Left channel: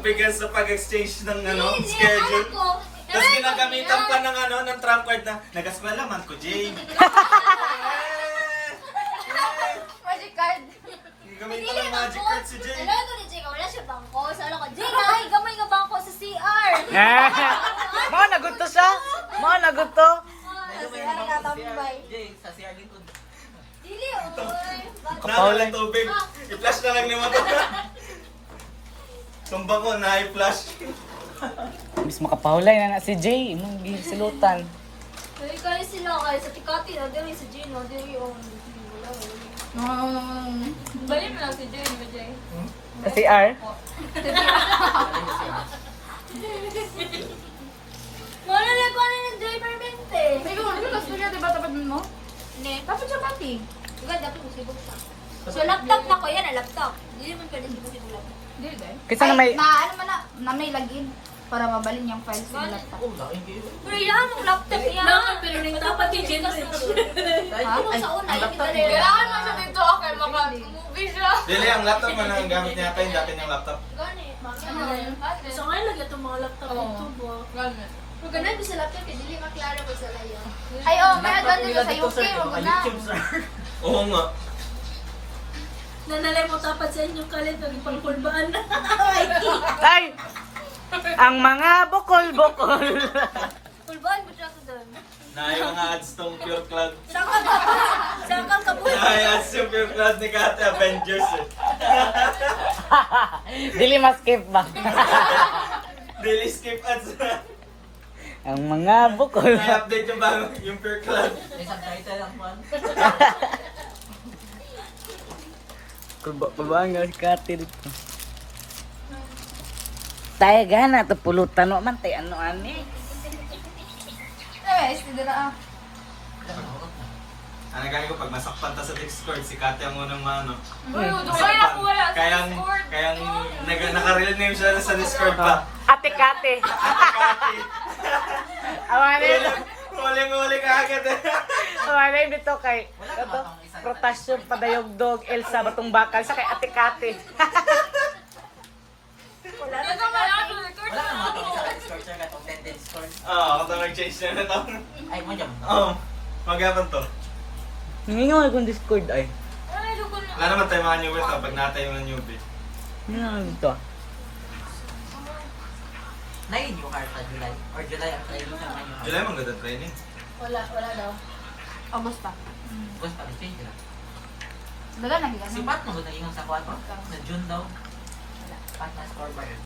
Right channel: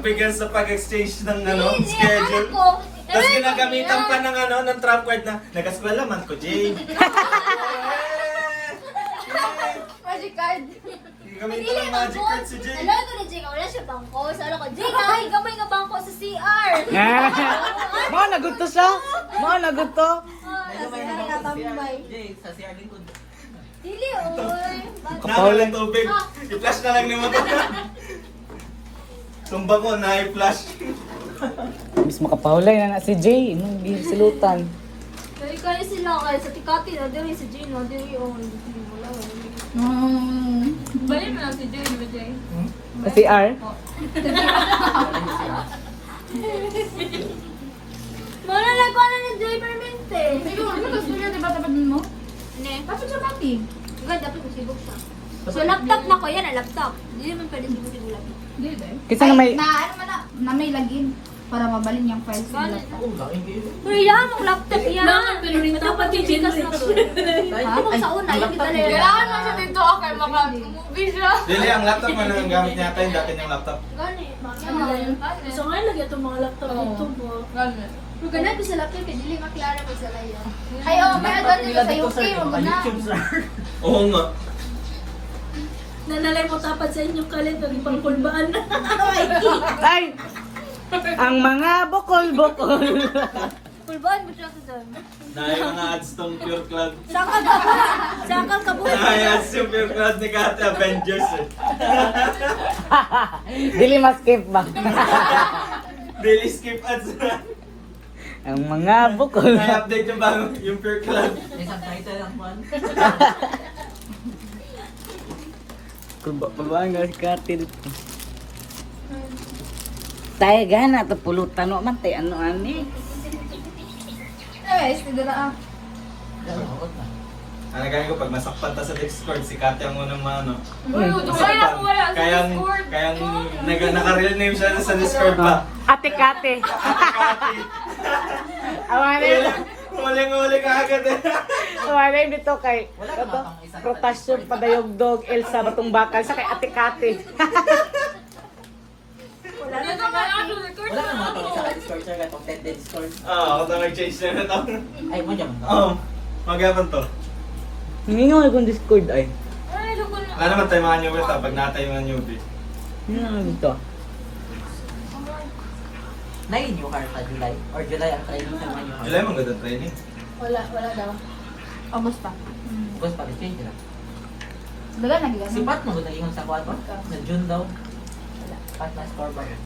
nagbigas sa pag-exchange ng schedule. Tapos ginagamitan pa ng trump card na nag-eskwela man ko, Jay. Magic card. Gamitan ng magic card si Jay. Alam ko na, Jay, wala siya bangko. Sala ko, Jay, ay, gamay nga bangko sa CR. Mga naguto siya. Mga naguto. Sa CR din ko. Dili, oy. Nawalan tubig. I-flash na lang ni mo to. Tumba ko na i-flash. Bis makapahulay na si Jay. Nung silutan. Ay, kaya sila, ay, sa Tikati na, dili si Jay, no, dili, oh, Bali mo lang si Jay, di ba, Jay? Sa CR. Muna na ko na ng Joy Permente. Ikaw, ano ba sila, di ba tapat mo? Ne, Tapos siya pati. ganda dapat masibok siya. So, laptop na ko, yan ang laptop. Hindi naman pwede masibok laptop. Di ba? Kasi nga may... Na may lagin para mabalin yung files sa laptop. Pero yan, ang laptop yan. Pero rin dapat yung gender. Ito sa una, yung kita na yan. Kailangan mo siya dito, okay, maka-movie siya. Dili, ang laptop mo na gamit niya tayo, dati niyang laptop. Ganit, Ano lang yun? So ngayon lagi itong mga laptop dito po. Ganun. Kung ganun ko sa laptop, kaya dili maklara ko sa layo. Ay, meron din sa UK, wag na. Oo nga. Nanalay mo tapat sa inyong kalendar, yung pangkulbaan. Ay! Ang mga bukol-bukol. Pulbaan mo siya sa doon. Naay mga ads tong Pure Cloud. Saka kabuhay. Naay ads tong Pure Cloud ni Kate Avengers. Dili ma-skip ba? Daily skip ads. Ang mga bukol. Na-update yung bago, yung Pure Cloud. Isang title lang po. Kubaan yung katil ko. Tayo gana, ito pulutan mo man, tayo ano ani. Eh, sige na. Ano gano'n ko, pag masakpan ta sa Discord, si Kate ang unang ano. Kayang naka-real name siya sa Discord ba? Ate Kate. Ate Kate. Awanin. Huling-huling agad eh. Awanin dito kay protasyon padayog-dog Elsa Batong Bakal sa kay Ate Kate. Wala naman ito sa Discord sir, contented Discord. Oo, ako to nag-change na ito. Ay, mo dyan. Oo, magapan to. Hindi nga akong Discord ay. Wala naman tayo mga newbie ta, pag natay mga newbie. Ano nga dito? Nai new karta July or July ang training sa mga new. July maganda training. Wala daw. O, basta. Bus pa change na. Daga na, gano'n. Si Pat mo naging sa kwarto na June daw. Pat na store ba?